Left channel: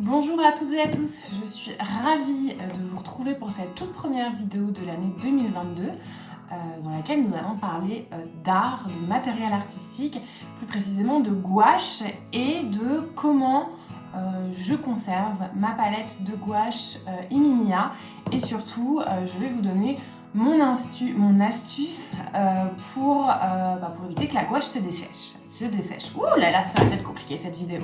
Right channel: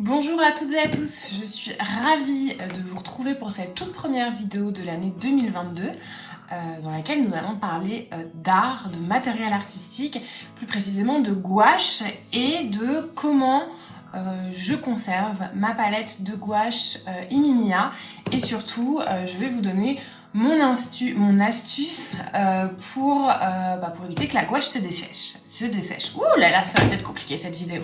Bonjour à toutes et à tous, je suis ravie de vous retrouver pour cette toute première vidéo de l'année 2022 dans laquelle nous allons parler d'art, de matériel artistique, plus précisément de gouache et de comment je conserve ma palette de gouache Imimiya et surtout je vais vous donner mon astuce pour éviter que la gouache se dessèche. Ouh là là, ça va être compliqué cette vidéo.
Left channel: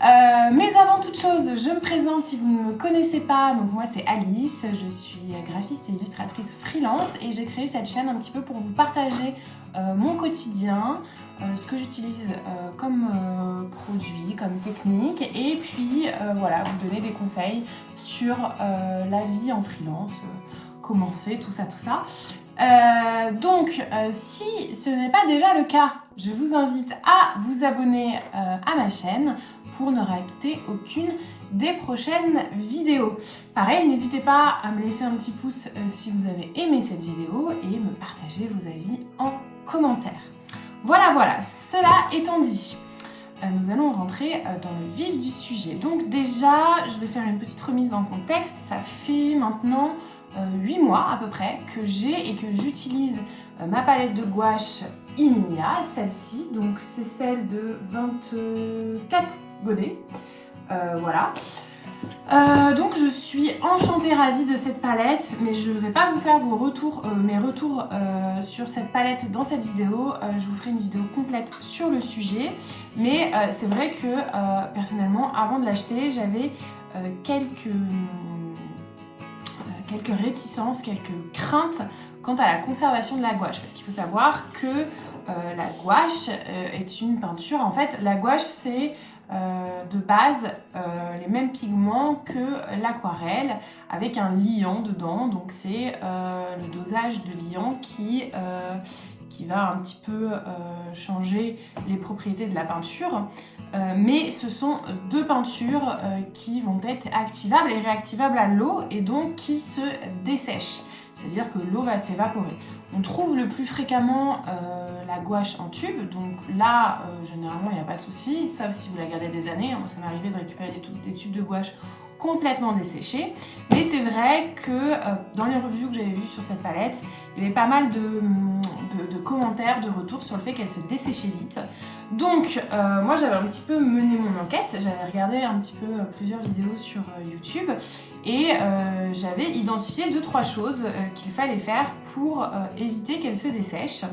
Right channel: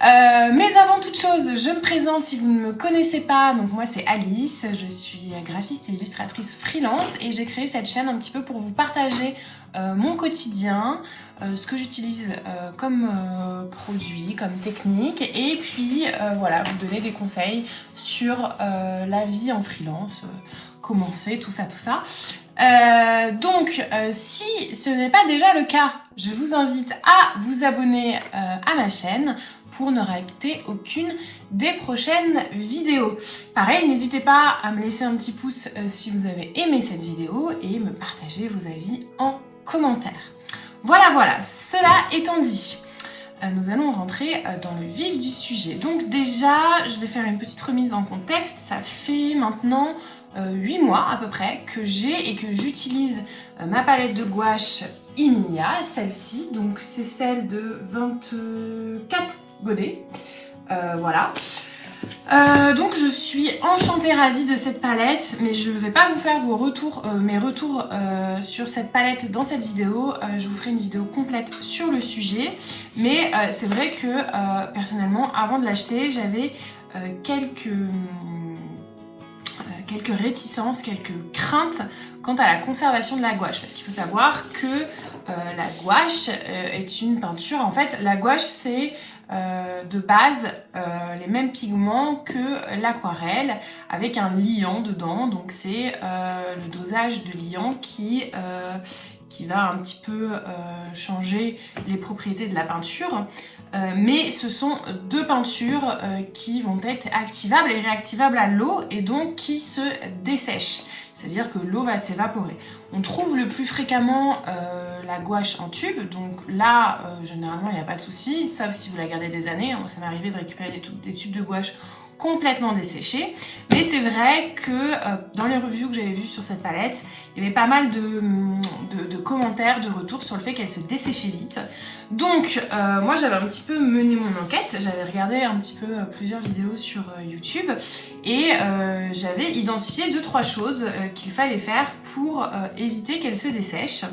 Mais avant toute chose, je me présente si vous ne me connaissez pas. Donc moi c'est Alice, je suis graphiste et illustratrice freelance et j'ai créé cette chaîne un petit peu pour vous partager mon quotidien, ce que j'utilise comme produit, comme technique et puis voilà, vous donner des conseils sur la vie en freelance, commencer, tout ça. Si ce n'est pas déjà le cas, je vous invite à vous abonner à ma chaîne pour ne rater aucune des prochaines vidéos. Pareil, n'hésitez pas à me laisser un petit pouce si vous avez aimé cette vidéo et me partager vos avis en commentaire. Voilà, cela étant dit, nous allons rentrer dans le vif du sujet. Donc déjà, je vais faire une petite remise en contexte. Ça fait maintenant 8 mois à peu près que j'ai et que j'utilise ma palette de gouache Imimiya, celle-ci, donc c'est celle de 24 godets, voilà. Donc je suis enchantée, ravie de cette palette, mais je ne vais pas vous faire mes retours sur cette palette dans cette vidéo. Je vous ferai une vidéo complète sur le sujet, mais c'est vrai que personnellement, avant de l'acheter, j'avais quelques réticences, quelques craintes quant à la conservation de la gouache, parce qu'il faut savoir que la gouache est une peinture. En fait, la gouache c'est de base les mêmes pigments que l'aquarelle avec un liant dedans, donc c'est le dosage de liant qui va un petit peu changer les propriétés de la peinture, mais ce sont deux peintures qui vont être activables et réactivables à l'eau et donc qui se dessèchent, c'est-à-dire que l'eau va s'évaporer. On trouve le plus fréquemment la gouache en tube, donc là généralement il n'y a pas de souci, sauf si vous la gardez des années. Ça m'est arrivé de récupérer des tubes de gouache complètement desséchés, mais c'est vrai que dans les reviews que j'avais vues sur cette palette, il y avait pas mal de commentaires, de retours sur le fait qu'elle se desséchait vite. Donc moi j'avais un petit peu mené mon enquête, j'avais regardé un petit peu plusieurs vidéos sur YouTube et j'avais identifié 2-3 choses qu'il fallait faire pour éviter qu'elle se dessèche.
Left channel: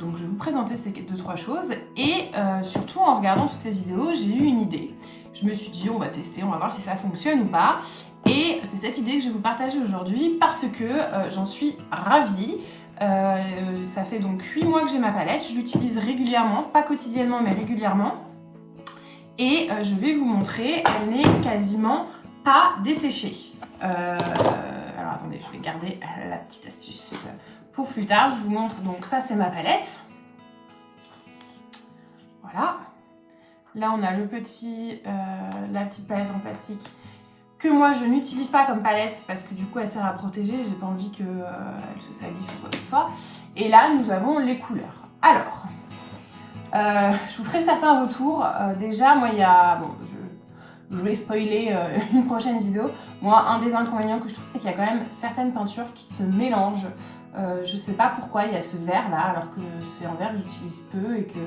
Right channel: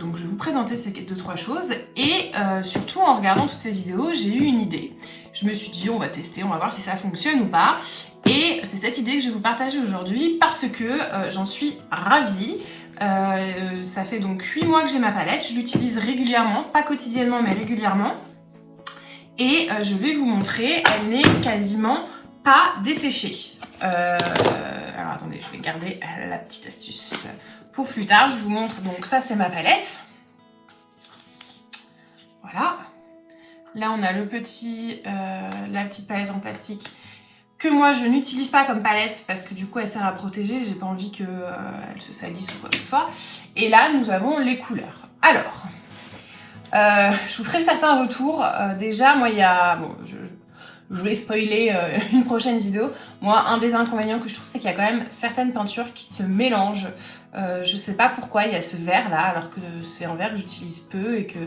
Donc je vais vous présenter ces 2-3 choses et surtout en regardant toutes ces vidéos j'ai eu une idée. Je me suis dit on va tester, on va voir si ça fonctionne ou pas, et c'est cette idée que je vais vous partager aujourd'hui parce que j'en suis ravie. Ça fait donc 8 mois que j'ai ma palette, je l'utilise régulièrement, pas quotidiennement mais régulièrement, et je vais vous montrer, elle n'est quasiment pas desséchée. Alors attendez, je vais garder la petite astuce pour plus tard. Je vous montre, donc ça c'est ma palette. Voilà. Là on a la petite palette en plastique que moi je n'utilise pas comme palette parce que du coup elle sert à protéger, j'ai pas envie qu'elle se salisse ou quoi que ce soit. Et là nous avons les couleurs. Alors, je vous ferai certains retours. Déjà moi il y a... Bon, je vais spoiler une prochaine vidéo. Moi, un des inconvénients que je trouve, c'est qu'il y a quand même certaines peintures qui se mélangent. Je sais pas pourquoi il y a ce vert là, alors que c'est un vert que j'utilise peu et que...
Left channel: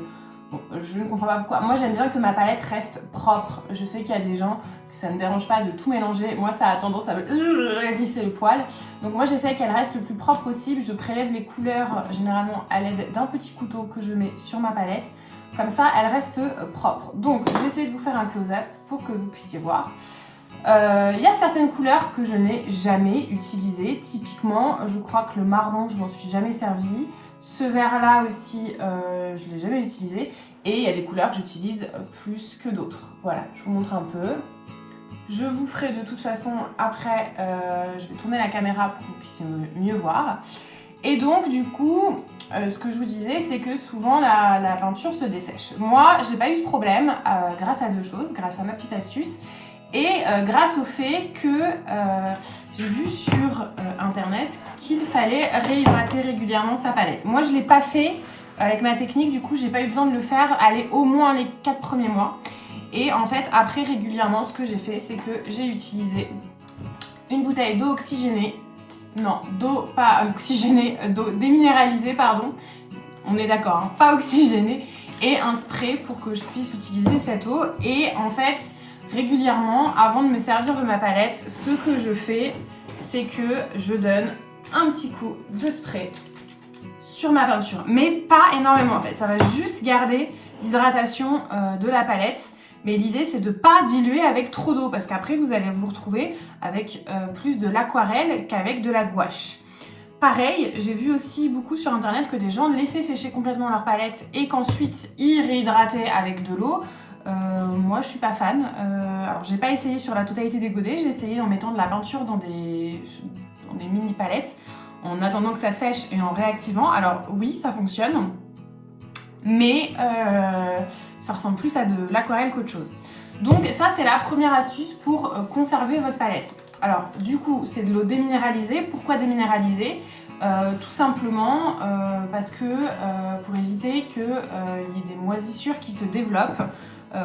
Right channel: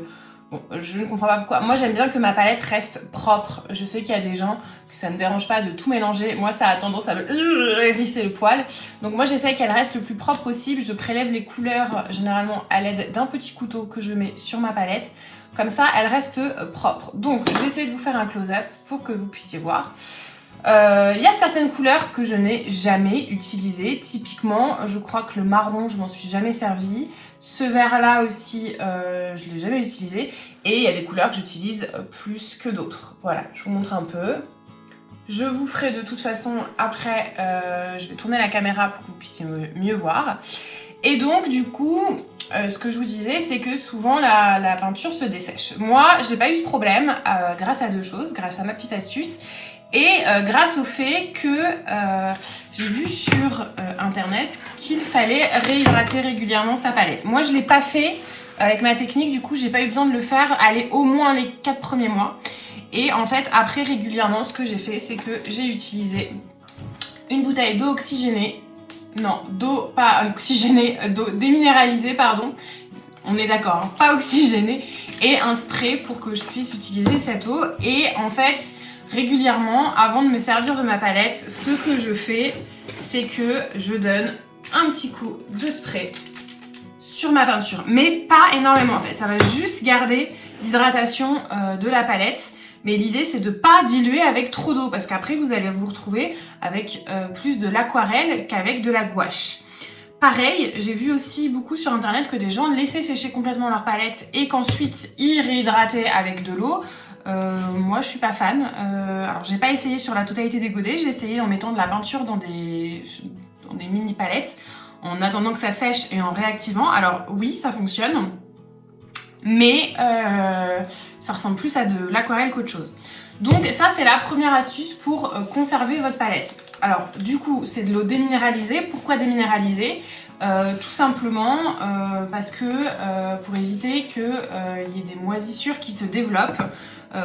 Bon, je ne comprends pas pourquoi. Moi, j'aime bien que ma palette reste propre. Je sais qu'il y a des gens que ça ne dérange pas de tout mélanger. Moi, ça a tendance à me hérisser le poil. Donc moi, j'essaie qu'elle reste le plus propre possible. Je prélève les couleurs généralement à l'aide d'un petit couteau que je mets sur ma palette. Comme ça, elle reste propre. Donc, je vais essayer de vous faire un close-up pour que vous puissiez voir. Il y a certaines couleurs que je n'ai jamais utilisées. Typiquement, je crois que le marron, je m'en suis jamais servi. Ce vert-là aussi, je ne l'ai jamais utilisé. Et il y a des couleurs que j'utilise plus que d'autres. Voilà, je vous montre un peu. Je vous ferai de toute façon, après, je vais tourner la caméra pour que vous puissiez mieux voir. Et donc, du coup, ce que je vous disais, c'est que souvent la peinture se dessèche. Moi, j'ai pas eu ce problème grâce à 2 choses, grâce à ma petite astuce et grâce au fait que j'ai vu sur internet qu'il fallait réhydrater régulièrement sa palette. Moi, je l'ai pas fait avec ma technique, du coup, j'ai pas eu besoin de le faire, aller au moins les 4 premiers mois. Et en fait, après, régulièrement, ce que j'ai fait, c'est que j'ai utilisé une bouteille d'eau oxygénée. Non, d'eau pas oxygénée, d'eau déminéralisée, pardon. On est d'accord, hein, pas oxygénée. Et un spray pour que je puisse utiliser cette eau. Et en fait, régulièrement, avant de me servir de ma palette, ce que je fais, c'est que je donne un petit coup de spray sur ma peinture. Mais pas énormément en fait, ça va juste garder l'hydratation de la palette. Mais l'idée, c'est de ne pas diluer avec trop d'eau parce qu'après, vous allez vous retrouver avec plus de l'aquarelle qu'avec de la gouache. Pareil, j'ai vu aussi beaucoup sur internet que des gens laissaient sécher complètement leur palette et qu'ensuite ils réhydrataient avec de l'eau. Moi, je suis pas fan. Alors, j'ai pas essayé sur la totalité des godets, j'ai essayé en mettant de la peinture dans des mini palettes, en attendant que ça sèche et en réactivant. Alors oui, ça fonctionne, mais ça ressemble plus à de l'aquarelle qu'autre chose. Donc ça, c'est la première astuce pour conserver votre palette. Alors du coup, c'est de l'eau déminéralisée. Pourquoi déminéraliser ? Tout simplement parce que pour éviter qu'il y ait des moisissures qui se développent.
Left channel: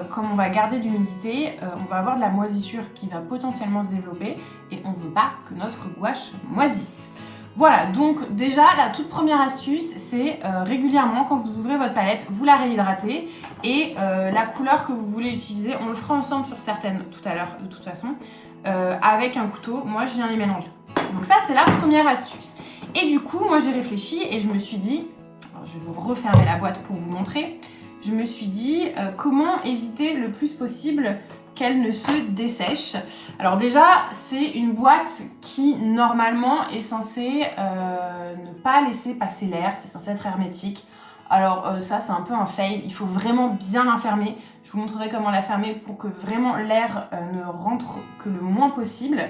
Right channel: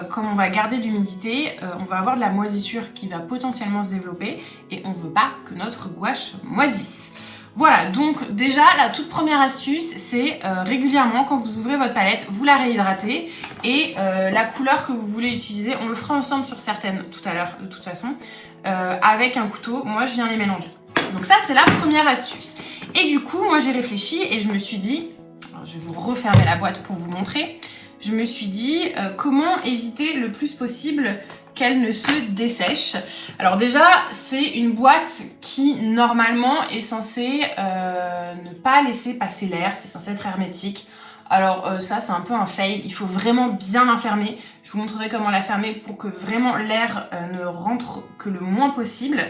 Comme on va garder de l'humidité, on va avoir de la moisissure qui va potentiellement se développer et on ne veut pas que notre gouache moisisse. Voilà, donc déjà la toute première astuce, c'est régulièrement quand vous ouvrez votre palette, vous la réhydratez et la couleur que vous voulez utiliser, on le fera ensemble sur certaines tout à l'heure de toute façon, avec un couteau, moi je viens les mélanger. Donc ça c'est la première astuce. Et du coup, moi j'ai réfléchi et je me suis dit, alors, je vais vous refermer la boîte pour vous montrer, je me suis dit comment éviter le plus possible qu'elle ne se dessèche. Alors déjà, c'est une boîte qui normalement est censée ne pas laisser passer l'air, c'est censé être hermétique. Alors ça, c'est un peu un fail, il faut vraiment bien la fermer. Je vous montrerai comment la fermer pour que vraiment l'air ne rentre que le moins possible.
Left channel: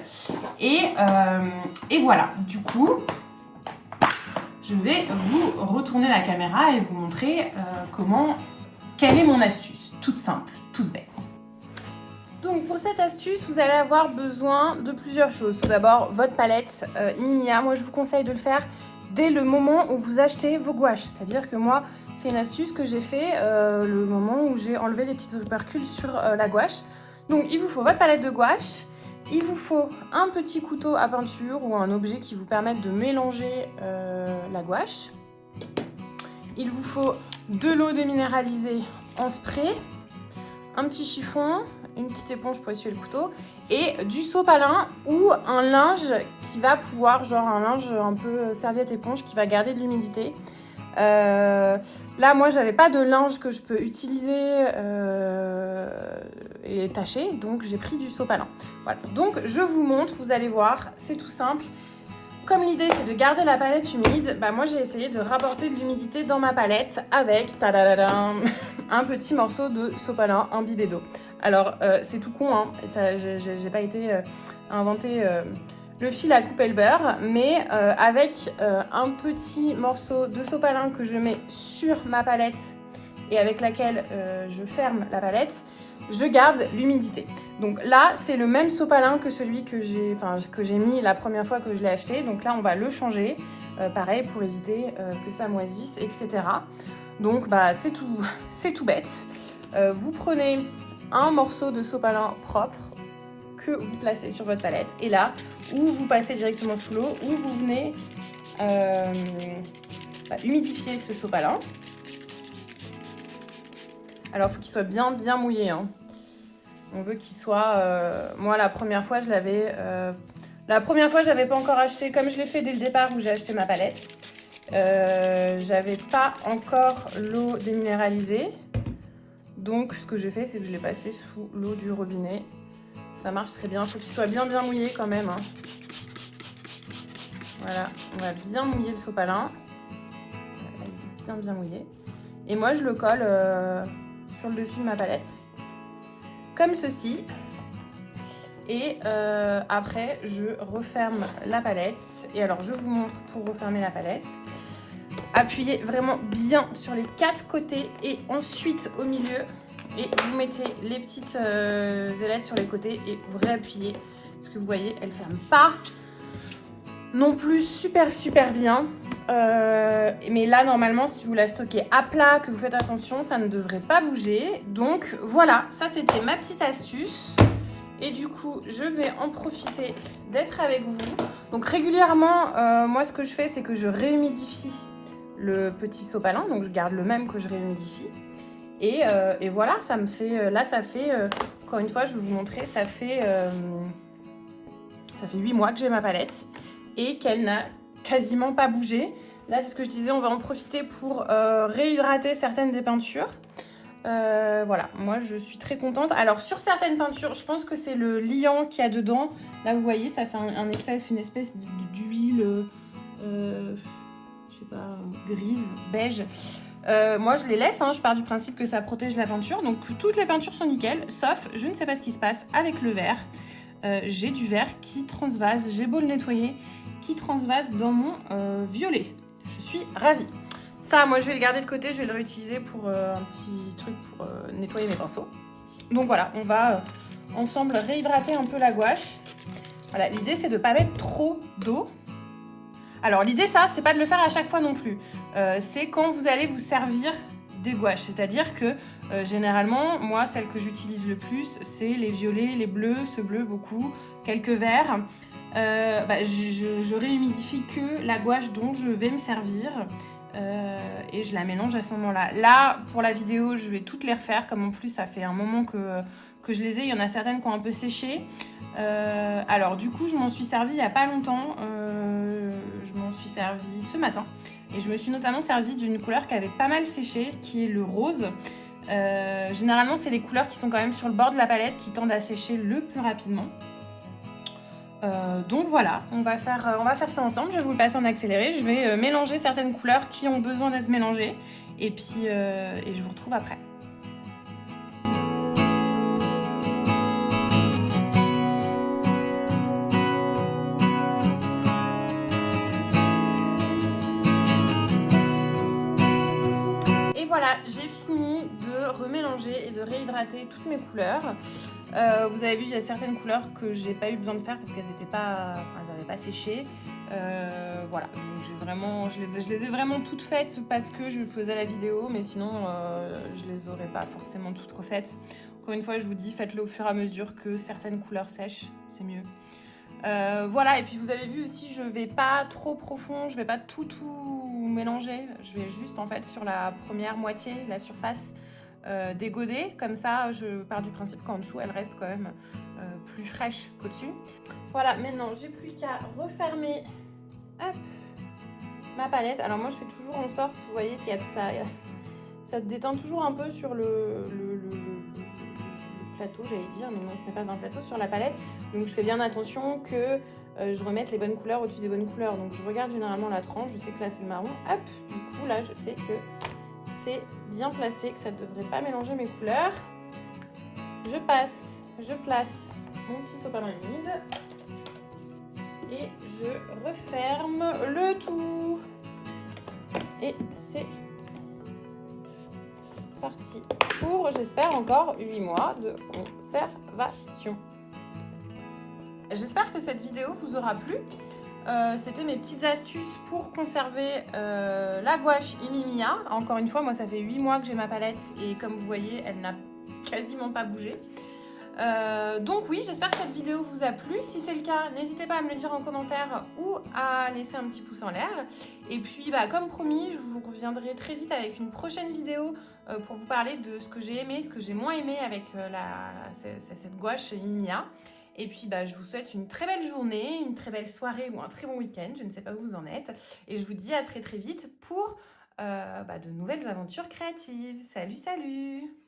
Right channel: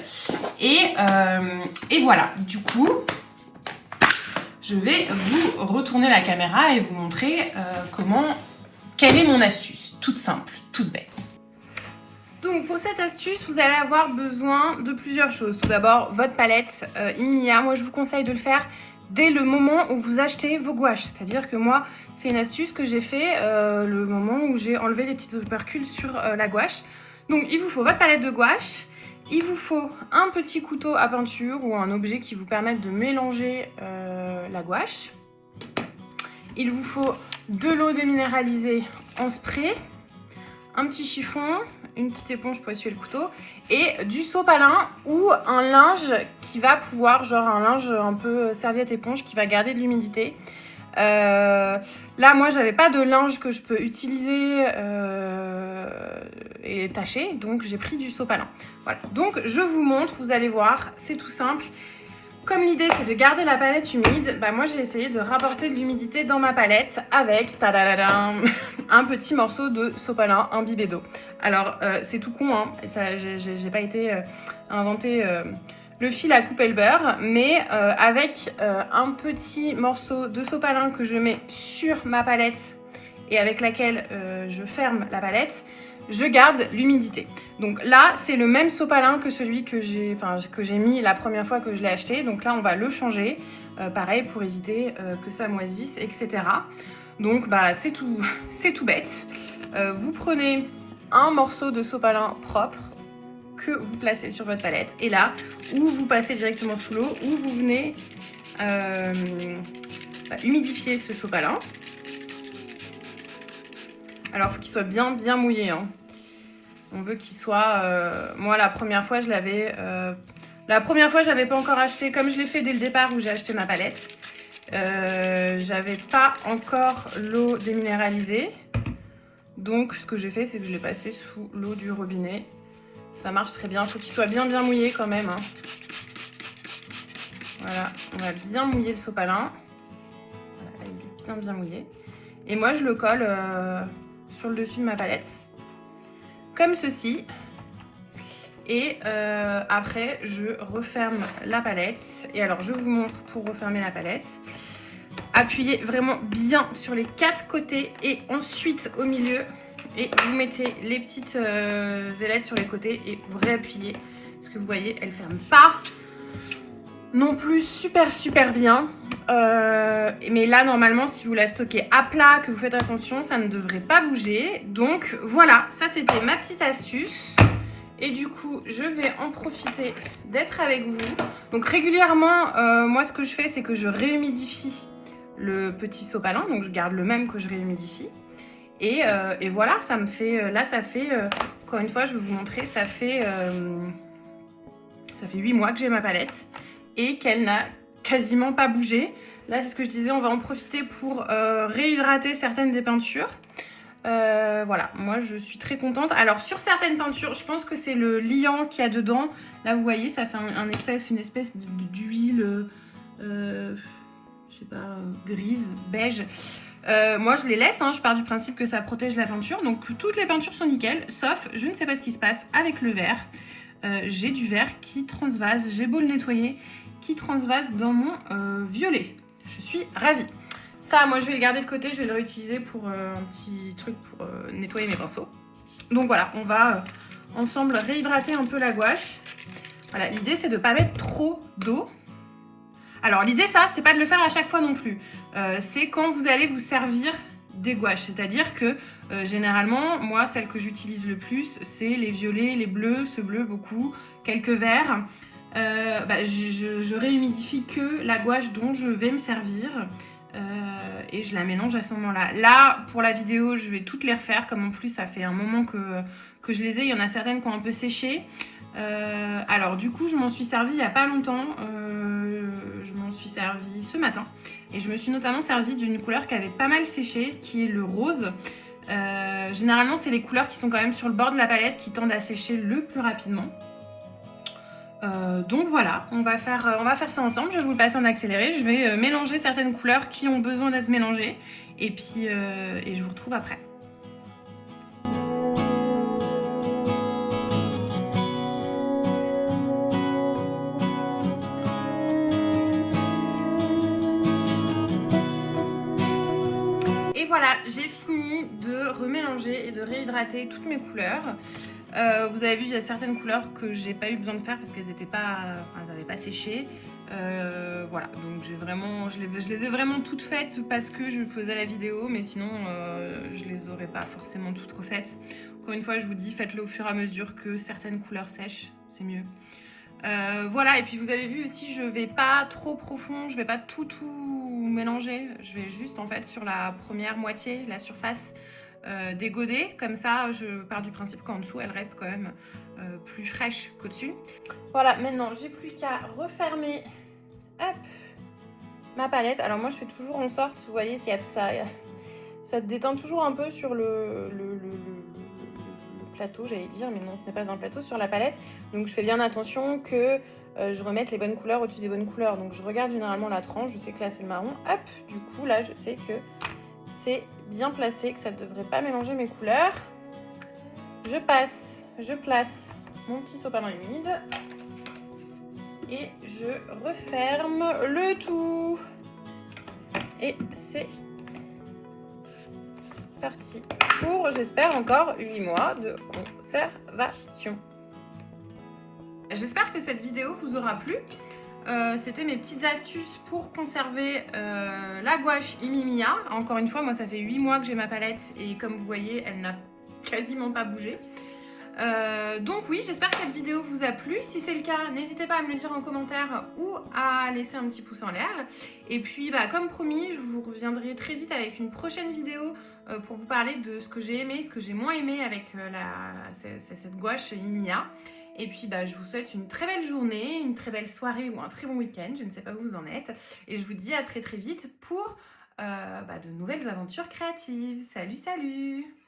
Et voilà, du coup, je vais vous retourner la caméra et vous montrer quelle est mon astuce, toute simple, toute bête. Donc pour cette astuce, vous allez avoir besoin de plusieurs choses. Tout d'abord, votre palette Imimia. Moi, je vous conseille de le faire dès le moment où vous achetez vos gouaches. C'est-à-dire que moi, c'est une astuce que j'ai fait le moment où j'ai enlevé les petites opercules sur la gouache. Donc il vous faut votre palette de gouache, il vous faut un petit couteau à peinture ou un objet qui vous permette de mélanger la gouache. Il vous faut de l'eau déminéralisée en spray, un petit chiffon, une petite éponge pour essuyer le couteau et du sopalin ou un linge qui va pouvoir, genre un linge un peu serviette éponge qui va garder de l'humidité. Là, moi, j'avais pas de linge que je peux utiliser et tâcher, donc j'ai pris du sopalin. Voilà, donc je vous montre, vous allez voir, c'est tout simple. Comme l'idée c'est de garder la palette humide, bah moi j'ai essayé de rapporter de l'humidité dans ma palette avec un petit morceau de sopalin imbibé d'eau. Alors c'est tout con, hein, j'ai pas été inventer le fil à couper le beurre, mais avec un petit morceau de sopalin que je mets sur ma palette et avec laquelle je ferme la palette, je garde l'humidité. Donc là, c'est le même sopalin que celui que j'ai mis la première fois que je l'ai acheté. Donc là, on va le changer, pareil, pour éviter que ça moisisse, etc. Donc bah, c'est tout bête. Vous prenez un morceau de sopalin propre que vous placez sur votre palette. Et là, ou vous passez directement sous l'eau, ou vous venez humidifier ce sopalin. Alors, il faut qu'il soit bien mouillé. Hein. On veut qu'il soit... moi, la première fois, j'avais pas encore acheté, comme je l'ai fait dès le départ où j'ai acheté ma palette. J'avais pas encore l'eau déminéralisée. Donc, ce que j'ai fait, c'est que je l'ai passé sous l'eau du robinet. Ça marche très bien. Il faut qu'il soit bien mouillé quand même. Hein. Voilà, on va bien mouiller le sopalin. Bien mouillé. Et moi, je le colle... sur le dessus de ma palette comme ceci et après je referme la palette. Et alors je vous montre pour refermer la palette, appuyez vraiment bien sur les 4 côtés et ensuite au milieu et vous mettez les petites ailettes sur les côtés et vous réappuyez parce que vous voyez elle ferme pas non plus super bien. Mais là, normalement, si vous la stockez à plat, que vous faites attention, ça ne devrait pas bouger. Donc voilà, ça c'était ma petite astuce. Et du coup, je vais en profiter d'être avec vous. Donc régulièrement, moi ce que je fais, c'est que je réhumidifie le petit sopalin. Donc je garde le même que je réhumidifie. Et voilà, ça me fait... Là, ça fait... encore une fois, je vais vous montrer. Ça fait 8 mois que j'ai ma palette. Et qu'elle n'a quasiment pas bougé. Là, c'est ce que je disais, on va en profiter pour réhydrater certaines des peintures. Voilà, moi je suis très contente. Alors sur certaines peintures, je pense que c'est le liant qu'il y a dedans. Là vous voyez, ça fait une espèce d'huile, je sais pas, grise, beige. Moi je les laisse, hein, je pars du principe que ça protège la peinture. Donc toutes les peintures sont nickel, sauf je ne sais pas ce qui se passe avec le verre. J'ai du verre qui transvase, j'ai beau le nettoyer, qui transvase dans mon violet. Je suis ravie. Ça, moi, je vais le garder de côté, je vais le réutiliser pour un petit truc pour nettoyer mes pinceaux. Donc voilà, on va ensemble réhydrater un peu la gouache. Voilà, l'idée, c'est de ne pas mettre trop d'eau. Alors, l'idée, ça, c'est pas de le faire à chaque fois non plus. C'est quand vous allez vous servir des gouaches. C'est-à-dire que, généralement, moi, celle que j'utilise le plus, c'est les violets, les bleus, ce bleu, beaucoup, quelques verts. Je réhumidifie que la gouache dont je vais me servir. Et je la mélange à ce moment-là. Là, pour la vidéo, je vais toutes les refaire, comme en plus ça fait un moment que je les ai. Il y en a certaines qui ont un peu séché. Alors du coup, je m'en suis servie il n'y a pas longtemps. Je m'en suis servie ce matin. Et je me suis notamment servie d'une couleur qui avait pas mal séché, qui est le rose. Généralement, c'est les couleurs qui sont quand même sur le bord de la palette qui tendent à sécher le plus rapidement. Donc voilà, on va faire ça ensemble. Je vais vous le passer en accéléré. Je vais mélanger certaines couleurs qui ont besoin d'être mélangées. Et puis, je vous retrouve après. Et voilà, j'ai fini de remélanger et de réhydrater toutes mes couleurs. Vous avez vu, il y a certaines couleurs que j'ai pas eu besoin de faire parce qu'elles n'avaient pas séché. Voilà, donc je les ai vraiment toutes faites parce que je faisais la vidéo, mais sinon je les aurais pas forcément toutes refaites. Encore une fois, je vous dis, faites-le au fur et à mesure que certaines couleurs sèchent, c'est mieux. Voilà, et puis vous avez vu aussi, je vais pas trop profond, je vais pas tout mélanger. Je vais juste en fait sur la première moitié, la surface, dégoder. Comme ça, je pars du principe qu'en dessous, elle reste quand même plus fraîche qu'au-dessus. Voilà, maintenant, j'ai plus qu'à refermer ma palette. Alors moi, je fais toujours en sorte, vous voyez, s'il y a ça déteint toujours un peu sur le plateau, j'allais dire, mais non, ce n'est pas un plateau, sur la palette. Donc je fais bien attention que je remette les bonnes couleurs au-dessus des bonnes couleurs. Donc je regarde généralement la tranche, je sais que là c'est le marron. Hop, du coup là je sais que c'est bien placé, que ça ne devrait pas mélanger mes couleurs. Je place mon petit sopalin humide et je referme le tout. Et c'est parti pour, j'espère, encore 8 mois de conservation. J'espère que cette vidéo vous aura plu. C'était mes petites astuces pour conserver la gouache Imimiya. Encore une fois, moi ça fait 8 mois que j'ai ma palette et comme vous voyez, elle n'a quasiment pas bougé. Donc oui, j'espère que cette vidéo vous a plu. Si c'est le cas, n'hésitez pas à me le dire en commentaire ou à laisser un petit pouce en l'air. Et puis, comme promis, je vous reviendrai très vite avec une prochaine vidéo pour vous parler de ce que j'ai aimé, ce que j'ai moins aimé avec cette gouache Imimiya. Et puis, je vous souhaite une très belle journée, une très belle soirée ou un très bon week-end. Je ne sais pas où vous en êtes. Et je vous dis à très très vite pour de nouvelles aventures créatives. Salut, salut!